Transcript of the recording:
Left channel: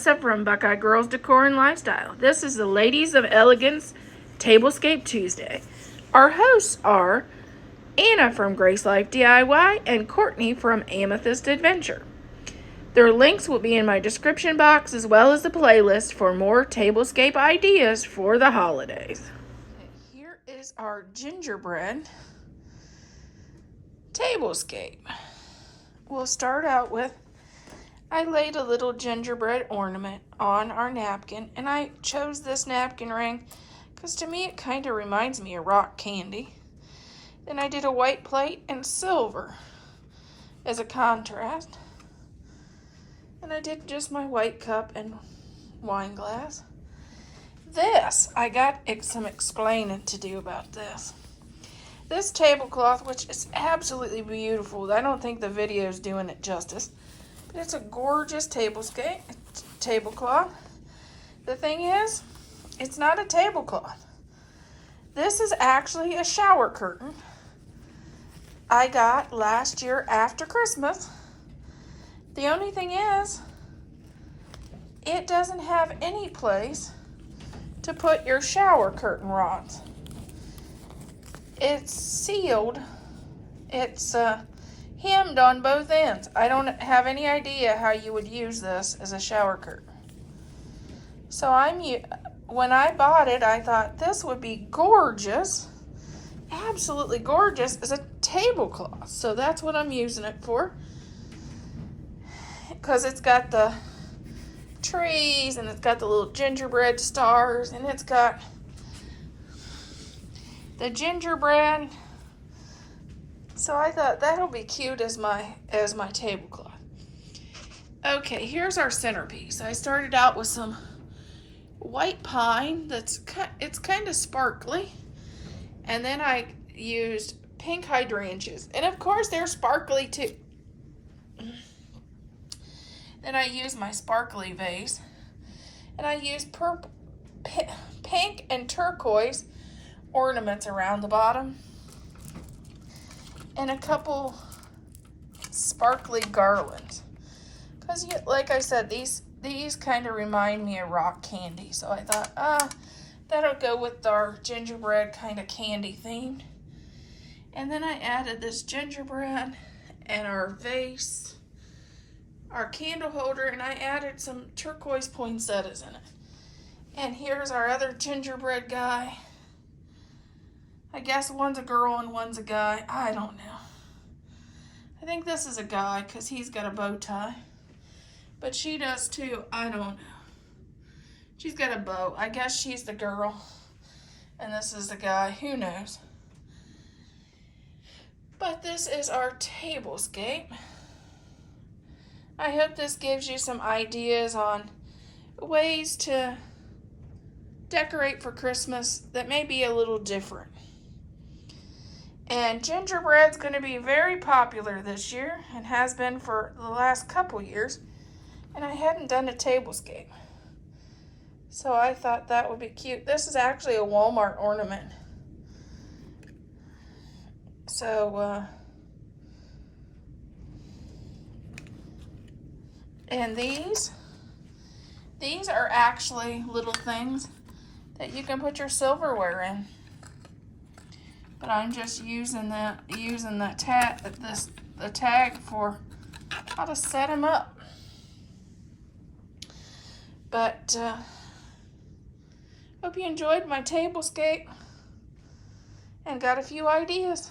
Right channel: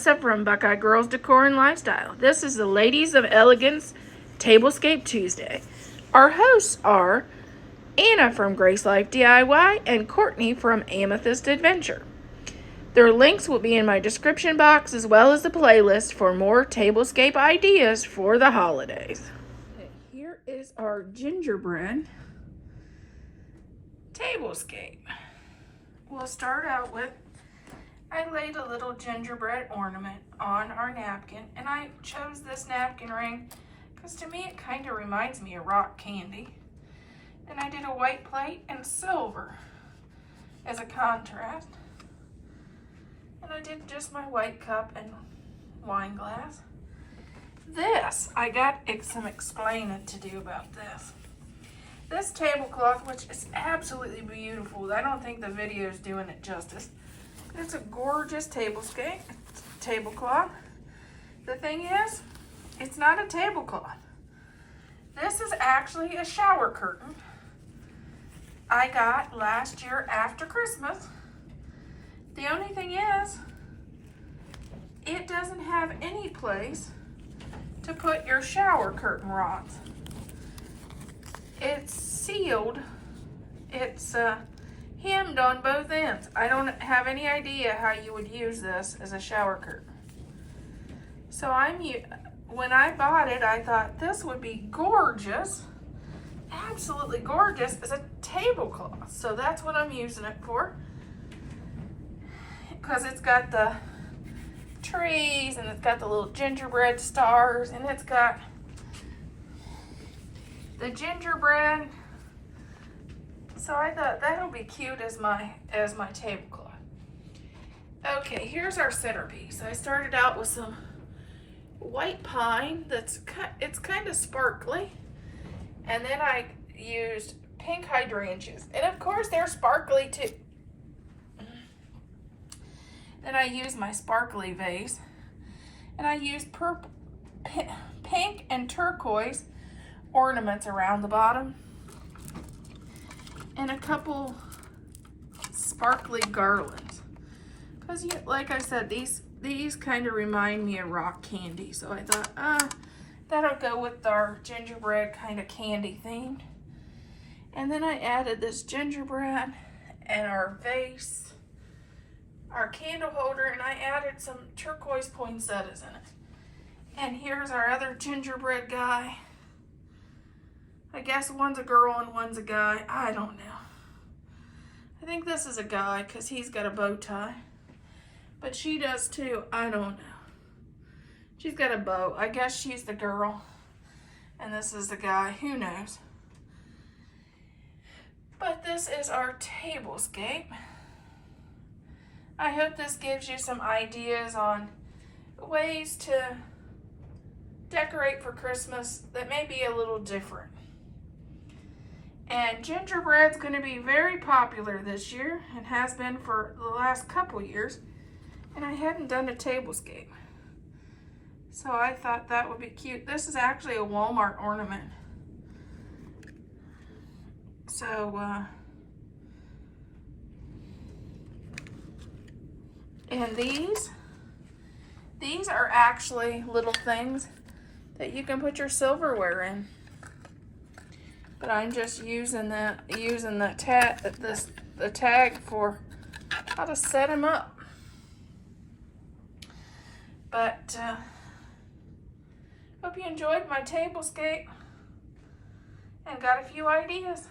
Melissa from Buckeye Girls Decor and Lifestyle. This is the Ladies of Elegance Tablescape Tuesday. Our hosts are Anna from Grace Life DIY and Courtney from Amethyst Adventure. Their links will be in my description box as well as the playlist for more tablescape ideas for the holidays. Here is our gingerbread tablescape. We'll start out with, I laid a little gingerbread ornament on our napkin, and I chose this napkin ring because to me it kind of reminds me of rock candy. Then I did a white plate and silver as a contrast. And I did just my white cup and wine glass. This, I got some explaining to do about this. This tablecloth, which is absolutely beautiful, I don't think the video is doing it justice. It's a gorgeous tablecloth. The thing is, it's not a tablecloth. This is actually a shower curtain I got last year after Christmas. The only thing is, it doesn't have any place to put your shower curtain rods. It's sealed. It's hemmed on both ends. I don't have any idea how you would use this as a shower curtain. So when I bought it, I thought this would be gorgeous, absolutely gorgeous as a tablecloth. So that's what I'm using it for. Because it's got the trees and it's got the little gingerbread stars and it's got the gingerbread. So I thought that'll be cute as my tablecloth. Okay, here's our centerpiece. I started out with some white pine it's kind of sparkly, and then I used pink hydrangeas, and of course they're sparkly too. Then I used my sparkly vase, and I used purple, pink and turquoise ornaments around the bottom, and a couple sparkly garlands. Because, like I said, these kind of remind me of rock candy, so I thought, that'll go with our gingerbread kind of candy themed. And then I added this gingerbread and our vase, our candle holder, and I added some turquoise poinsettias in it. And here's our other gingerbread guy. I guess one's a girl and one's a guy. I don't know. I think this is a guy because he's got a bow tie. But she does too. I don't know. She's got a bow. I guess she's the girl. And this is the guy. Who knows? But this is our tablescape. I hope this gives you some ideas on ways to decorate for Christmas that may be a little different. And gingerbread's going to be very popular this year and has been for the last couple years. And I hadn't done a tablescape. So I thought that would be cute. This is actually a Walmart ornament. So, and these are actually little things that you can put your silverware in. But I'm just using the tag for how to set them up. But hope you enjoyed my tablescape and got a few ideas.